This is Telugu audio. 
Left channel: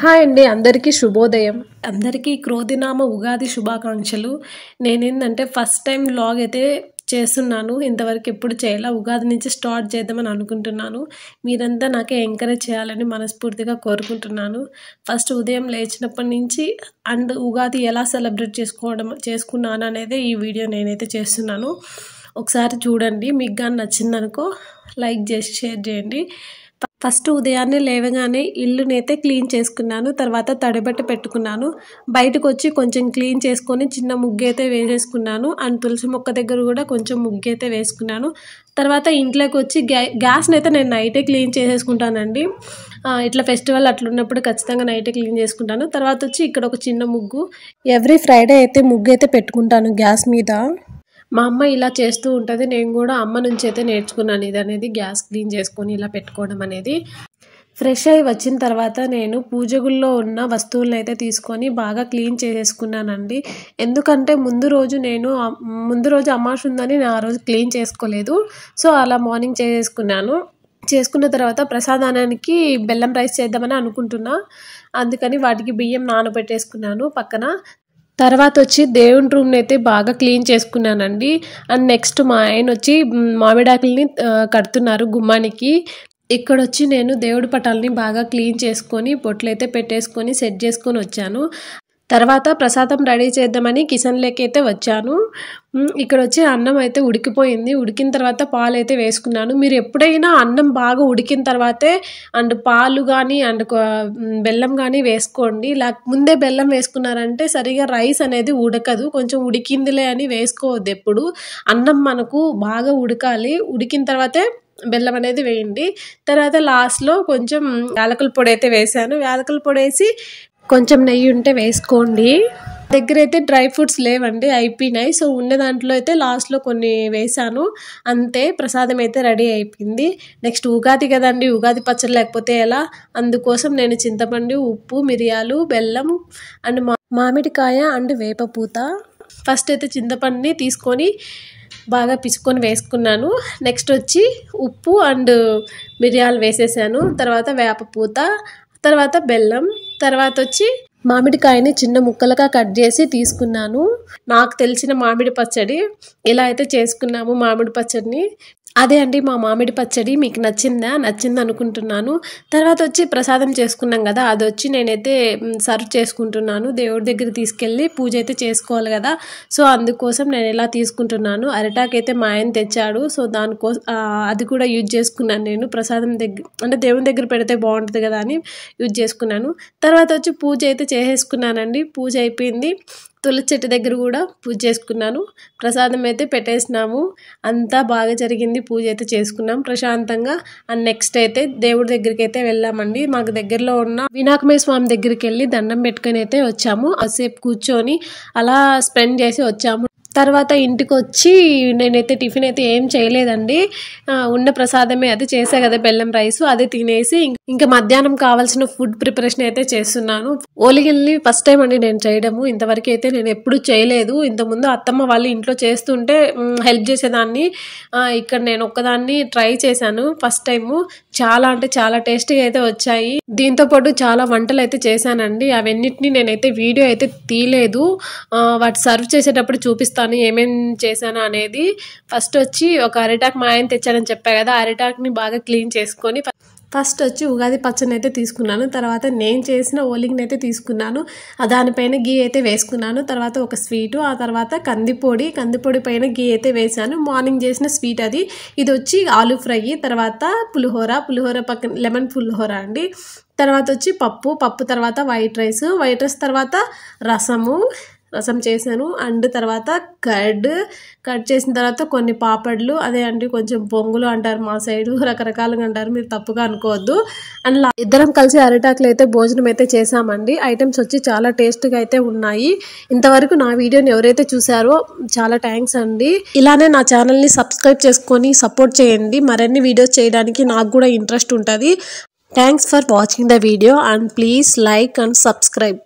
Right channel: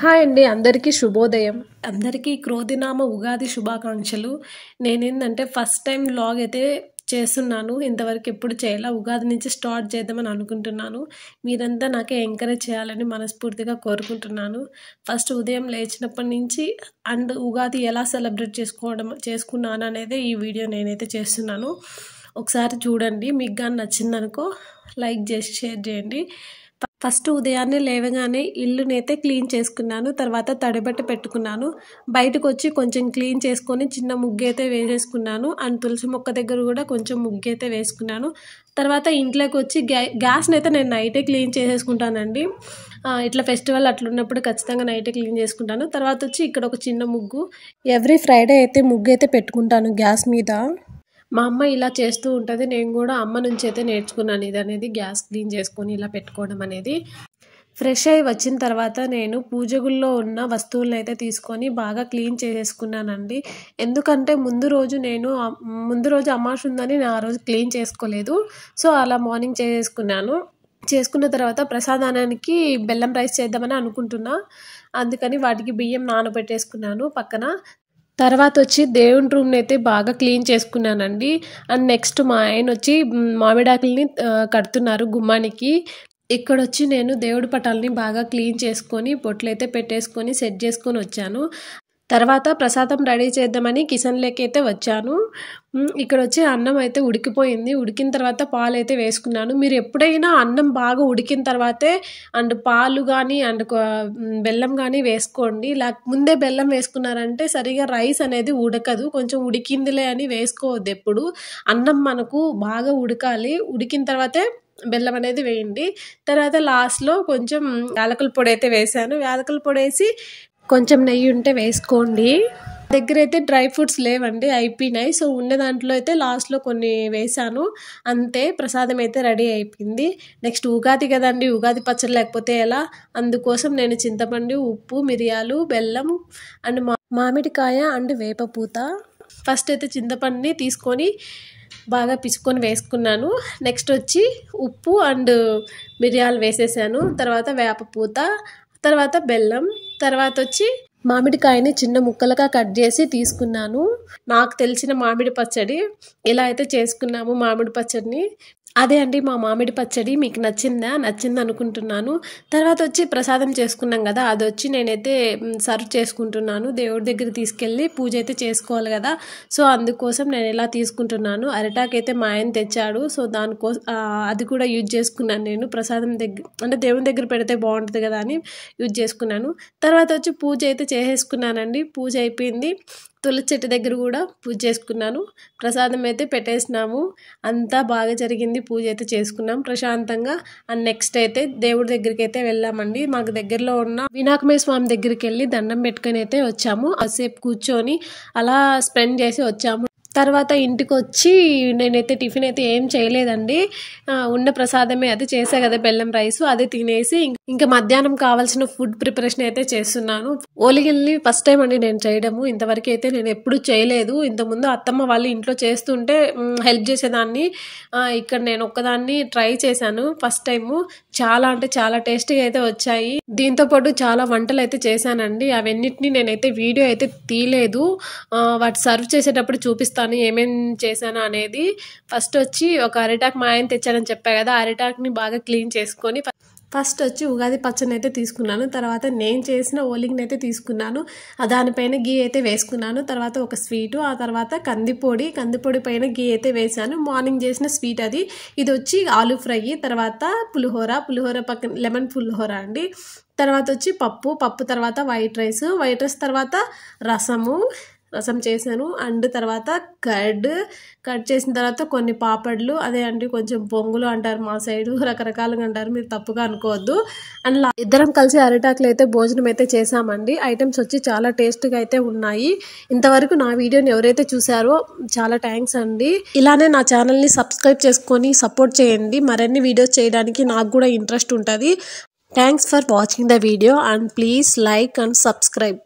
హాయ్ అండి, అందరికీ శుభోదయం. అందరికీ క్రోధినామ ఉగాది శుభాకాంక్షలు. నేనేంటంటే ఫస్ట్ టైం వ్లాగ్ అయితే చేస్తున్నాను. ఇంతవరకు ఎప్పుడు చేయాల. ఉగాది నుంచి స్టార్ట్ చేద్దామని అనుకుంటున్నాను. మీరంతా నాకే ఎంకరేజ్ చేయాలని మనస్ఫూర్తిగా కోరుకుంటున్నాను. ఫస్ట్ ఉదయం లేచినప్పటి నుంచి అండ్ ఉగాది ఎలా సెలబ్రేట్ చేసుకున్నాను అనేది ఈ వీడియో నేనైతే చేస్తున్నాను. ఒకసారి చూడండి. మీకు కానీ నచ్చిందనుకో లైక్ చేసి షేర్ చేయండి. ఫస్ట్ ఉదయాన్నే లేవగానే ఇల్లునైతే క్లీన్ చేసుకున్నాను. తర్వాత తడిబట్ట పెట్టుకున్నాను. బయటకు వచ్చి కొంచెం క్లీన్ చేసుకొని చిన్న ముగ్గు అయితే వేసేసుకున్నాను. అండ్ తులసి మొక్క దగ్గర కూడా కొంచెం ముగ్గు అయితే వేసుకున్నాను. తర్వాత ఇంట్లోకి వచ్చి గ్యాస్ని అయితే నేను నైటే క్లీన్ చేసేసుకుంటానండి. ఇట్లా ఫెస్టివల్ అట్లున్నప్పుడు ఖచ్చితంగా నైటే క్లీన్ చేసుకుంటాను. తర్వాత వచ్చి ఇక్కడ ఒక చిన్న ముగ్గు, ఎవ్రీ ఫ్రైడే అయితే ముగ్గు అయితే పెట్టుకుంటాను గ్యాస్ మీద. మా అమ్మ ఇలా చేస్తూ ఉంటుంది. నేను కూడా అమ్మ నుంచి అయితే నేర్చుకున్నాను ఇది అనేది, గ్యాస్ క్లీన్ చేసుకొని ఇలా పెట్టుకోవడం అనేది. ఫ్రెష్ అయ్యి వచ్చిన తర్వాత నేను పూజగుల్లో ఉన్న వస్తువులను అయితే తీసుకొని బాగా క్లీన్ చేసేసుకున్నానండి. ఎందుకంటే ముందు రోజు అమావాస్య ఉందని నేను ఆ రోజు క్లీన్ చేసుకోలేదు. సో అలా మార్నింగ్ చేసేసుకున్నాను. చేసుకున్న తర్వాత ప్రసాదానికి బెల్లం రైస్ చేద్దామని అనుకుంటున్నా. అందుకని వాటికి బియ్యం నానబెట్టేసుకున్నాను పక్కన. తర్వాత వచ్చి దేవుని రూమ్ని అయితే బాగా క్లీన్ చేసుకున్నానండి. అండ్ నెక్స్ట్ మా ఆయన వచ్చి మామిడాకుల్ని కడుతున్నారు గుమ్మానికి. ఇక్కడ వచ్చి నేను దేవుడి పటాలని బాగా క్లీన్ చేసుకొని బొట్లు అయితే పెట్టేసుకొని సెట్ చేసుకొని వచ్చాను. తర్వాత ప్రసాదం రెడీ చేద్దామని కిచెన్లోకి అయితే వచ్చాను. ఇక్కడ వచ్చి అన్నం అయితే ఉడికిపోయింది. ఉడికిన తర్వాత పాలు అయితే వేసుకున్నాను. మీరు ఎప్పుడైనా అన్నం బాగా ఉడికిన తర్వాతే అండ్ పాలు కానీ అండ్ బెల్లం కానీ వేసుకోండి. ముందే బెల్లం వేసుకున్నారంటే సరిగా రైస్ అనేది ఉడకదు. కొంచెం ఉడికిందిలే అని వేసుకోవద్దు ఎప్పుడు. అన్నం మనకు బాగా ఉడకాలి. ఉడికిన తర్వాతే బెల్లం అనేది వేయండి. తర్వాత లాస్ట్లో కొంచెం యాలకుల పొడి అయితే వేసాను. యాలకుల పొడి వేసి కొంచెం నెయ్యి ఉంటే వేసుకోండి. దగ్గర అయితే డ్రై ఫ్రూట్స్ లేవండి, అయిపోయినాయి. సో ఉన్న దాంట్లో అయితే లాస్ట్లో కొన్ని వేసాను. అంతే, ప్రసాదం అయితే రెడీ అయిపోయింది. నెక్స్ట్ ఉగాది కదండి, ఉగాది పచ్చడి లేకపోతే ఎలా? అందుకోసం నేను చింతపండు, ఉప్పు, మిరియాలు, బెల్లం అండ్ మామిడికాయ అండ్ వేపపూత. ఫస్ట్ అయితే చింతపండుని తీసుకొని బాగా పిసుకొని వేసుకున్నాను. నెక్స్ట్ వచ్చి ఉప్పు అండ్ మిరియాలు వేసేసాను. తర్వాత వేపపూత, తర్వాత బెల్లం, తర్వాత వచ్చి మామిడికాయని చిన్న ముక్కలుగా కట్ చేసి తీసుకున్నాను. నాకు తెలిసిన మామిడి పచ్చడి ఇలా అయితే చేసుకున్నాము. మామిడి పచ్చడిని అదే అండి మా మామిడి పచ్చడి. మీకు నచ్చింది అనుకుంటున్నాను. తర్వాత వచ్చి ప్రసాదం చేసుకున్నాం కదా, అది వచ్చి నేనైతే సర్వ్ చేసుకుంటున్నాను. దేవుడి దగ్గర తీసుకెళ్ళి పూజ అయితే చేసుకోవాలి కదా, సో అందుకోసం నేను ఇలా తీసుకుంటున్నాను. అరిటాకు అయితే మా ఆయన తెచ్చాడు. సో దానికోసం అది కూడా యూజ్ చేసుకున్నాను నేను. ప్రసాదం దగ్గర అంటే దేవుని దగ్గర పెడితే బాగుంటుంది కదా అని యూజ్ చేసుకున్నాను. తర్వాత వచ్చి పూజ అయితే చేసేసుకున్నానండి. పూజ అయిపోయింది. తులసి చెట్టు దగ్గర కూడా పూజ చేసుకున్నాను. ప్రసాదం అయితే పెట్టేసినాము. అంతా బాగా జరిగింది. పూజ అయితే చేసుకున్నాం ప్రశాంతంగా. అండ్ నెక్స్ట్ అయితే దేవుడి దగ్గరికి అయితే వెళ్ళామండి. మాకు దగ్గరలో ఉన్న వినాయకమయ్య స్వామి దగ్గరికి వెళ్ళి దండం పెట్టుకొని అయితే వచ్చాము. కాసేపు కూర్చొని అలా స్పెండ్ చేసి వచ్చాము. తర్వాత ఇంటికి వచ్చి నేనైతే టిఫిన్ అయితే ఏం చేయలేదండి. ఉన్న ప్రసాదమే అది చేసా కదా బెల్లం రైస్, అది తినేసి ఇంకా మధ్యాహ్నం కావాల్సిన ఫుడ్ ప్రిపరేషన్ అయితే చేస్తున్నాను. ఓలిగల్ని ఫస్ట్ టైం అండి నేను చేయడము. ఇంతవరకు అయితే నేను ఎప్పుడు చేయలేదు. ఇంతకుముందు అత్తమ్మ వాళ్ళు ఇంట్లో చేస్తుంటే హెల్ప్ చేసేదాన్ని. ఇక్కడ నేను ఒక్కదాన్ని ట్రై చేశాను ఫస్ట్ టైము. చాలా అంటే చాలా టేస్టీగా అయితే వచ్చాయి. దీంతో పాటు చాలా వంటలు అయితే చేశానండి. అవన్నిటిని నేనైతే వీడియో అయితే తీయలేదు. వాటి సర్వ్ చేసేటప్పుడు చూపిస్తాను ఏమేం చేశాను అనేది. ఫస్ట్ వచ్చి ఒక అరిటాకు మా ఆయన తెచ్చానని చెప్పా కదా, అరిటాకుని బాగా క్లీన్ చేసుకొని ఫస్ట్ వచ్చి ఉగాది పచ్చడిని అయితే తీసుకున్నాను. తర్వాత నేను చేసిన ఓలిగని అయితే తీసుకున్నాను. దానిపైన గీ అయితే వేసుకున్నాను. తర్వాత ఒక స్వీటు, ఆ తర్వాత కందిపొడి పైన గీ అయితే వేసాను. మార్నింగ్ చేసిన స్వీట్ అది. ఇది వచ్చి ఆలు ఫ్రై, తర్వాత పులిహోర పక్కన లెమన్ పులిహోర అండి. తర్వాత వచ్చి పప్పు తర్వాత వైట్ రైస్ తర్వాత రసం చేశాను. అండ్ తర్వాత కట్ చేసిన తర్వాత కొన్ని పాపడ్లు, అదే అండి కొంచెం పొంగులు అంటారు మా సైడు, రకరకాలుగా అంటారు, మీరు తప్పుగా అనుకోవద్దు. అండ్ ఇద్దరం కలిసి అరిటాకులు అయితే భోజనం అయితే చేసామండి. ఐటమ్స్ వచ్చి చాలా టేస్ట్గా అయితే ఉన్నాయి. ఇంతవరకు నా వీడియోని ఎవరైతే చూసారో చాలా థ్యాంక్స్ అండి. ఇలానే నా ఛానల్ని సబ్స్క్రైబ్ చేసుకొని సపోర్ట్ చేయండి. మరిన్ని వీడియోస్ చేయడానికి నాకు కూడా ఇంట్రెస్ట్ ఉంటుంది. Thanks for watching the video and please like and subscribe.